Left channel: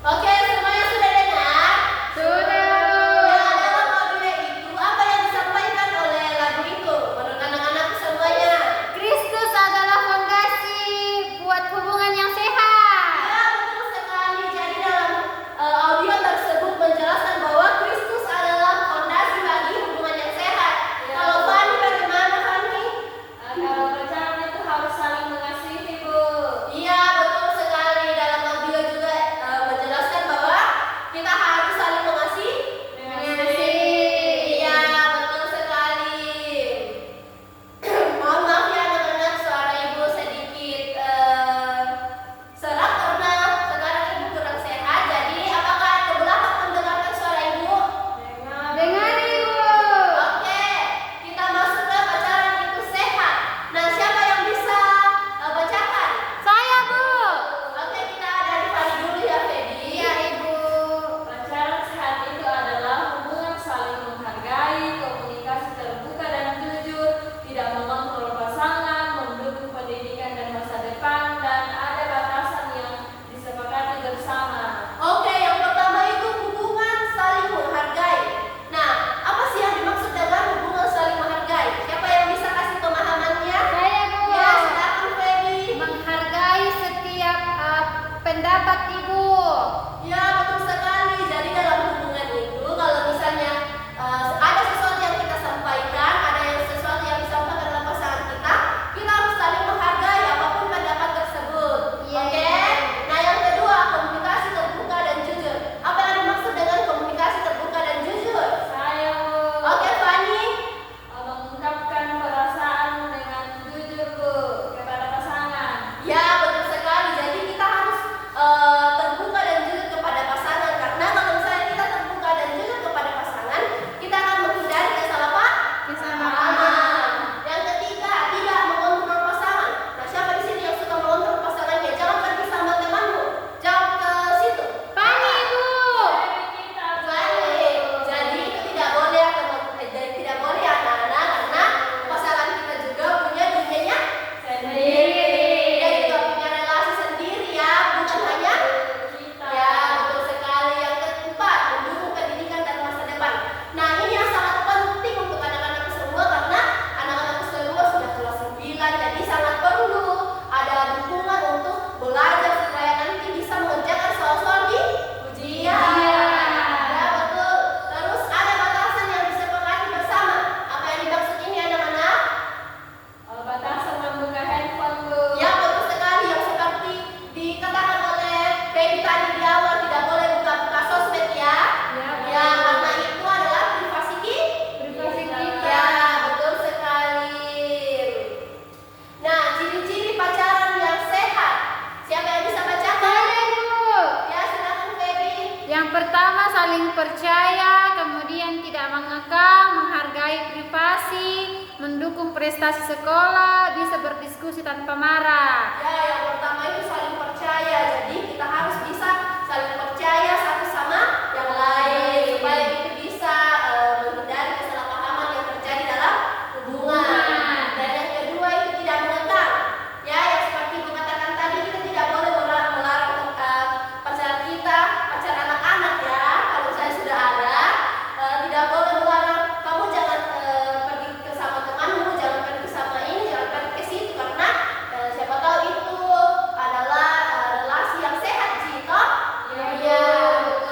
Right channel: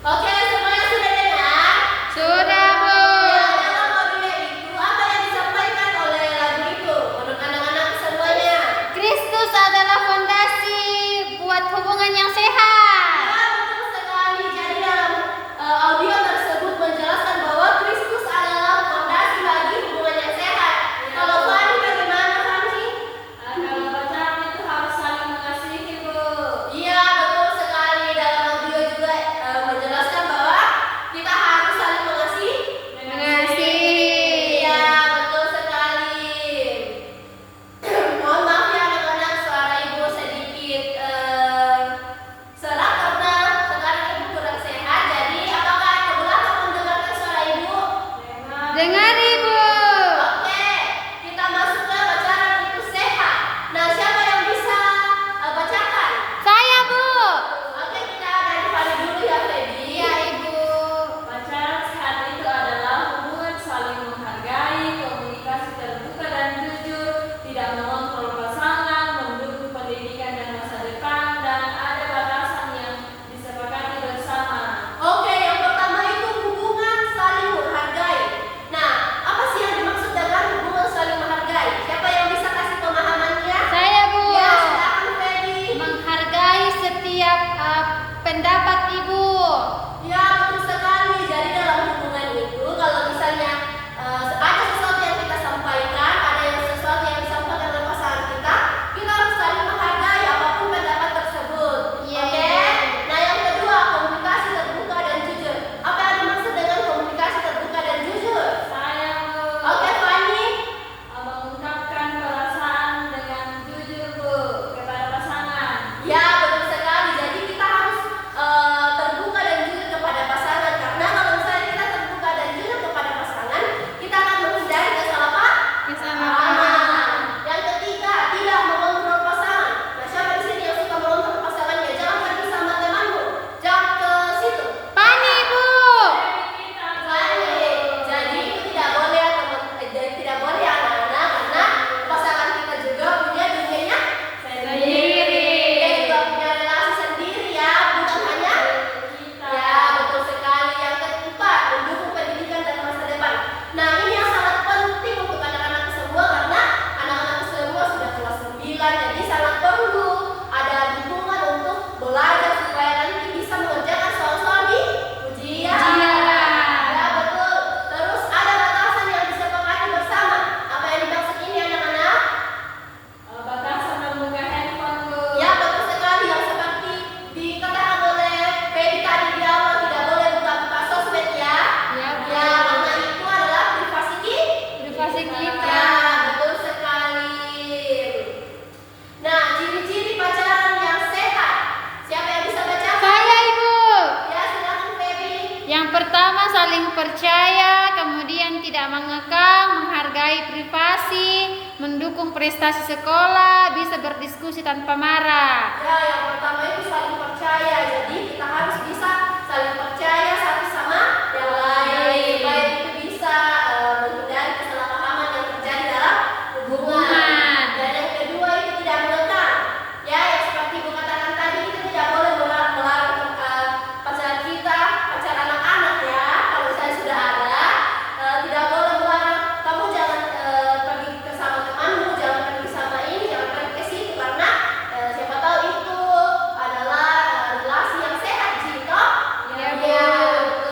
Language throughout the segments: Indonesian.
Oke, semuanya sudah dengar? Sudah, Bu. Ya, dalam lagunya itu apa yang disampaikan oleh lagu itu? Menurut anak-anak semuanya. Kristus adalah fondasi buat hubungan yang sehat. Ya, betul sekali. Jadi dalam audio tersebut menjelaskan bahwa Kristus adalah fondasi bagi hubungan yang sehat. Ya. Kalau Fani bagaimana, Fani? Kalau pacaran itu harus saling mengasihi, Bu. Iya, betul sekali. Dalam audio juga menjelaskan bahwa kita harus saling mengasihi. Mengasihi. Iya, betul sekali. Mohon maaf ya anak-anak, suara ibu sedikit serak karena sekarang ibu kurang sehat. Jadi apakah keberatan mendengarkan suara ibu? Dengar, Ibu. Oke, kita masuk ke pacaran itu sehat. Nah, siapa yang bisa bacakan? Saya, Bu. Oke, kita dari Fani dulu ya, Feby. Iya, Ibu. Pacaran sehat itu adalah hubungan saling menghargai, komunikasi terbuka dan jujur, tidak mengontrol pasangan, mendukung pendidikan dan masa depan, dan ada batasan yang disepakati bersama. Oke, yang pertama itu hubungan saling menghargai. Nah, apa sih yang dimaksud dengan hubungan saling menghargai? Siapa yang bisa kasih pemahamannya? Saya, Bu. Ya, silakan Feby. Menghargai setiap pendapat Ibu. Ya, betul sekali. Jadi dalam hubungan itu, kalau misalnya ada sesuatu yang kita sampaikan, ada yang sesuatu yang disampaikan oleh pasangan kita harus saling menghargai apapun pendapat tersebut. Iya. Oke? Nah, yang kedua, komunikasi terbuka dan jujur. Apa yang dimaksud dengan komunikasi terbuka dan jujur? Saya Bu, Oke, Fani. mengungkapkan perasaan dengan jujur Bu kepada pasangan. Ya, betul sekali. Jadi kita harus terbuka dan jujur kepada pasangan, karena kalau misalnya kita terbuka dan jujur kepada pasangan, kita akan menghindari kesalahpahaman. Yang ketiga, tidak mengontrol pasangan. Nah, siapa di sini yang suka mengontrol pasangannya? Jangan pergi sama temanmu, jangan ke situ. Fani, Bu. Baik. Jadi itu tidak boleh jadi tidak boleh anak-anak, karena pasangan kita juga punya dunianya Sendiri. dia juga punya relasi sendiri ya, bukan hanya Kita. ya, betul sekali. Yang keempat, mendukung pendidikan dan masa depan. Nah, ini yang sangat penting untuk anak-anak semua, karena anak-anak semua sudah kelas 9, jadi sangat perlu ada dukungan untuk belajar supaya nanti bisa mengerjakan soal-soal di ujian. Ya, betul. Terus ada batasan yang disepakati bersama. Apa yang dimaksud ini anak-anak? Batasan membuka handphone Bu. Ya, betul sekali, yang seperti dikatakan oleh Feby tadi di awal, tidak boleh buka-buka sosmed ya. Ya, Bu. Ya, karena itu adalah privasi Privasi kita. kita. Ya, betul sekali. Nah, ciri-ciri pacaran yang sehat. Siapa yang bisa bacakan? Saya, Ibu. Ya, silakan Feby. Yang pertama saling percaya, kemudian tidak mengekang, menghargai privasi, mendukung prestasi sekolah, bisa berdiskusi tanpa marah. Ya, yang pertama itu saling percaya. Jadi kita harus bisa saling percaya satu sama yang lain supaya itu bisa menghindari kesalahpahaman yang terjadi dalam hubungan. Dan yang kedua itu tidak mengekang. Ya, yang seperti Ibu katakan tadi, kita tidak boleh melarang pacar kita, pacar anak-anak ya. Kalau misalnya sudah ada, tidak boleh melarang kamu jangan pergi ke sama temanmu, jangan pergi sama ini, jangan pergi ke situ, karena siapa tahu itu adalah relasi yang sehat di situ. Iya, Ya, Bu. betul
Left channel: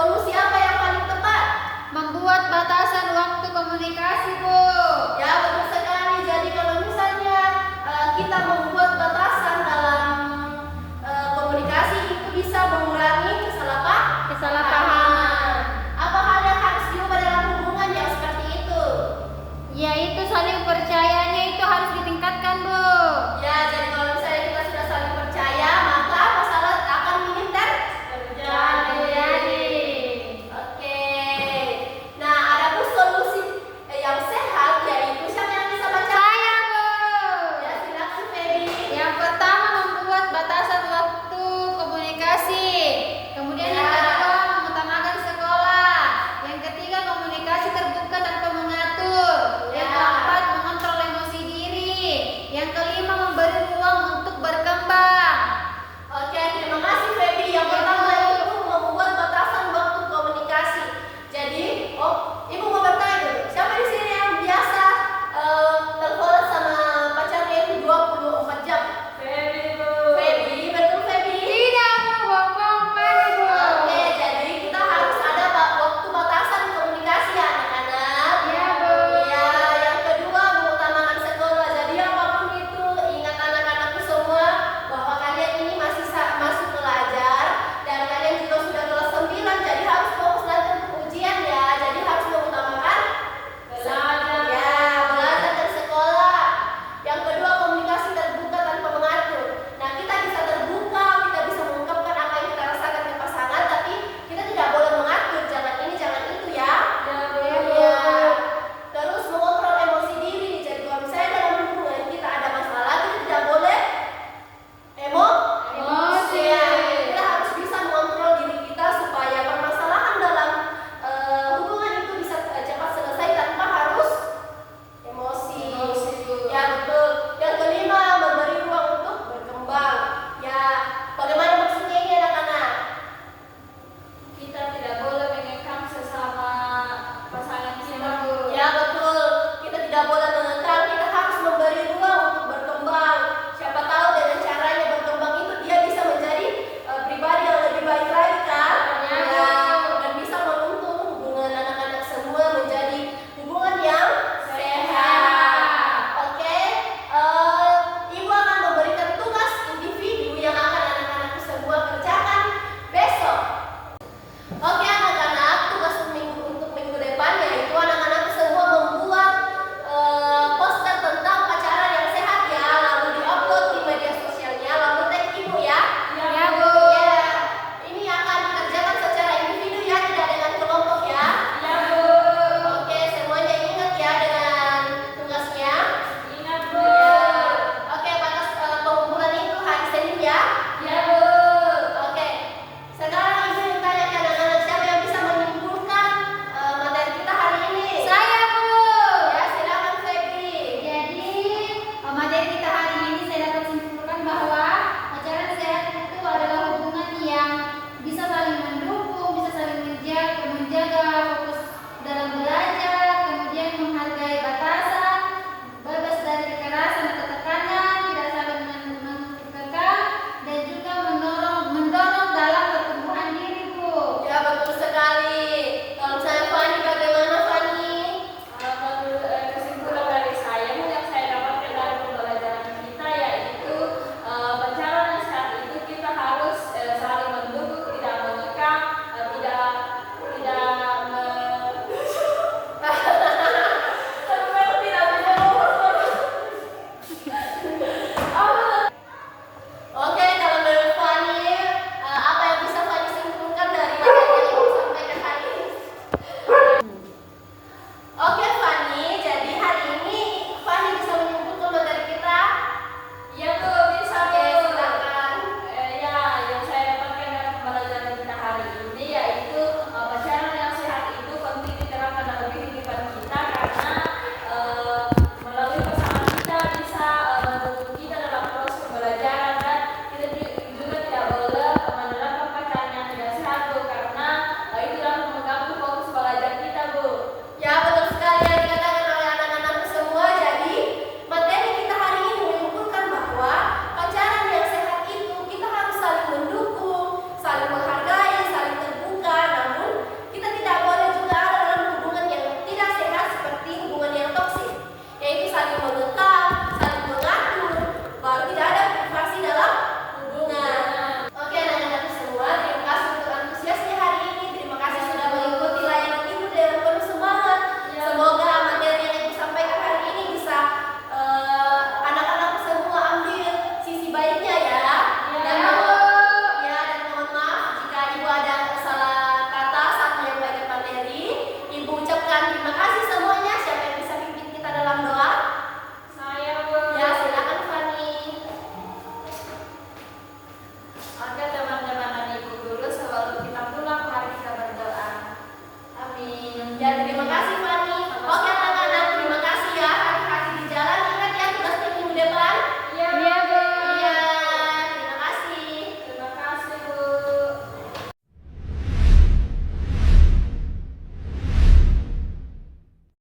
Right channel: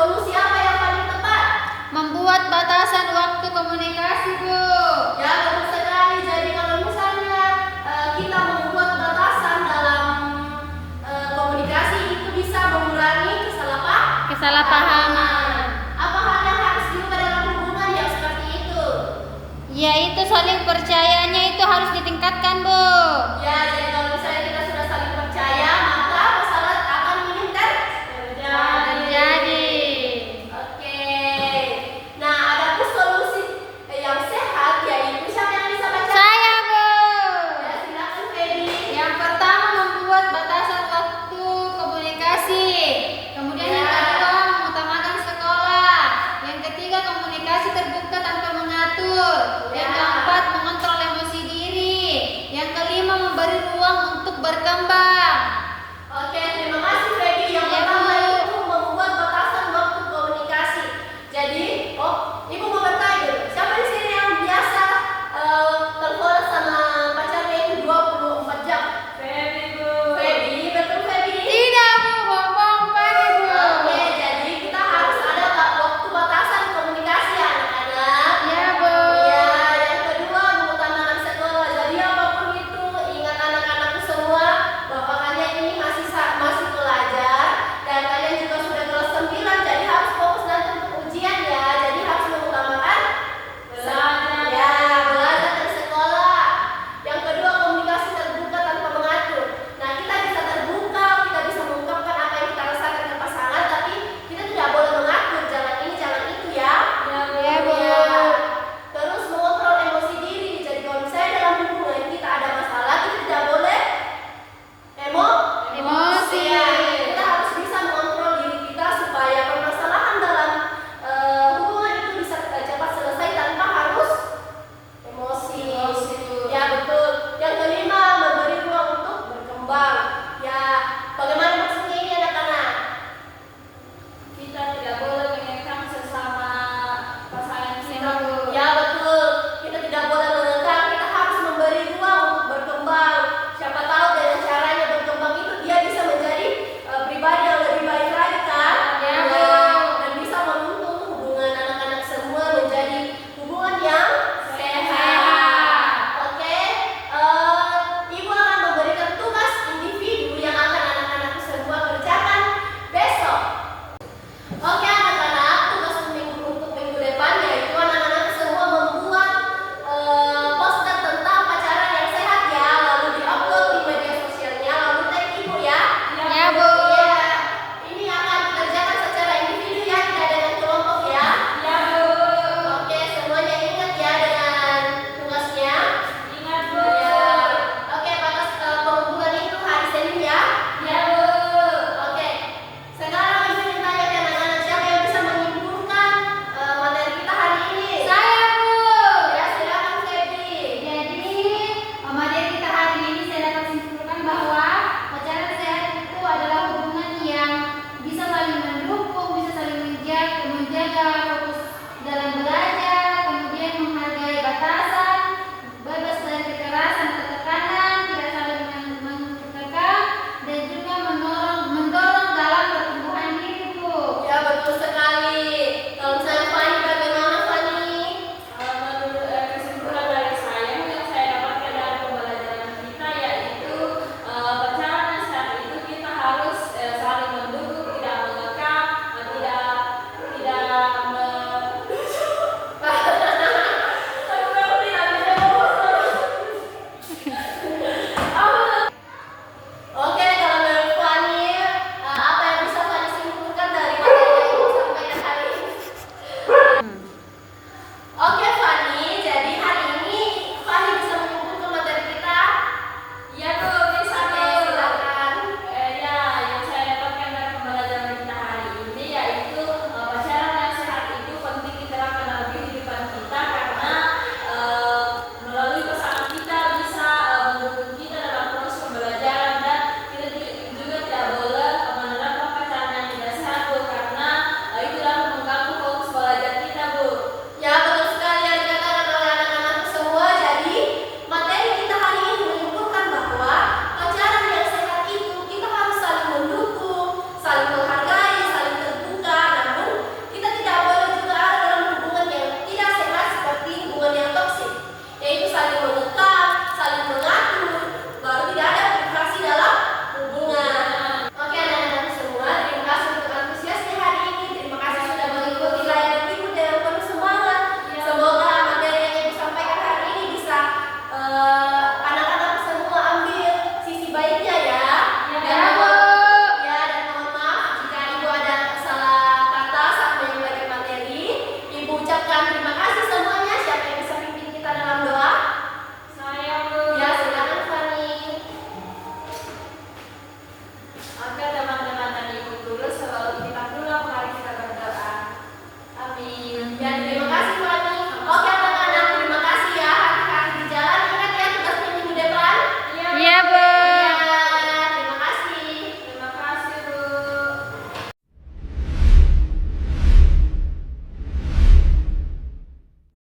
solusi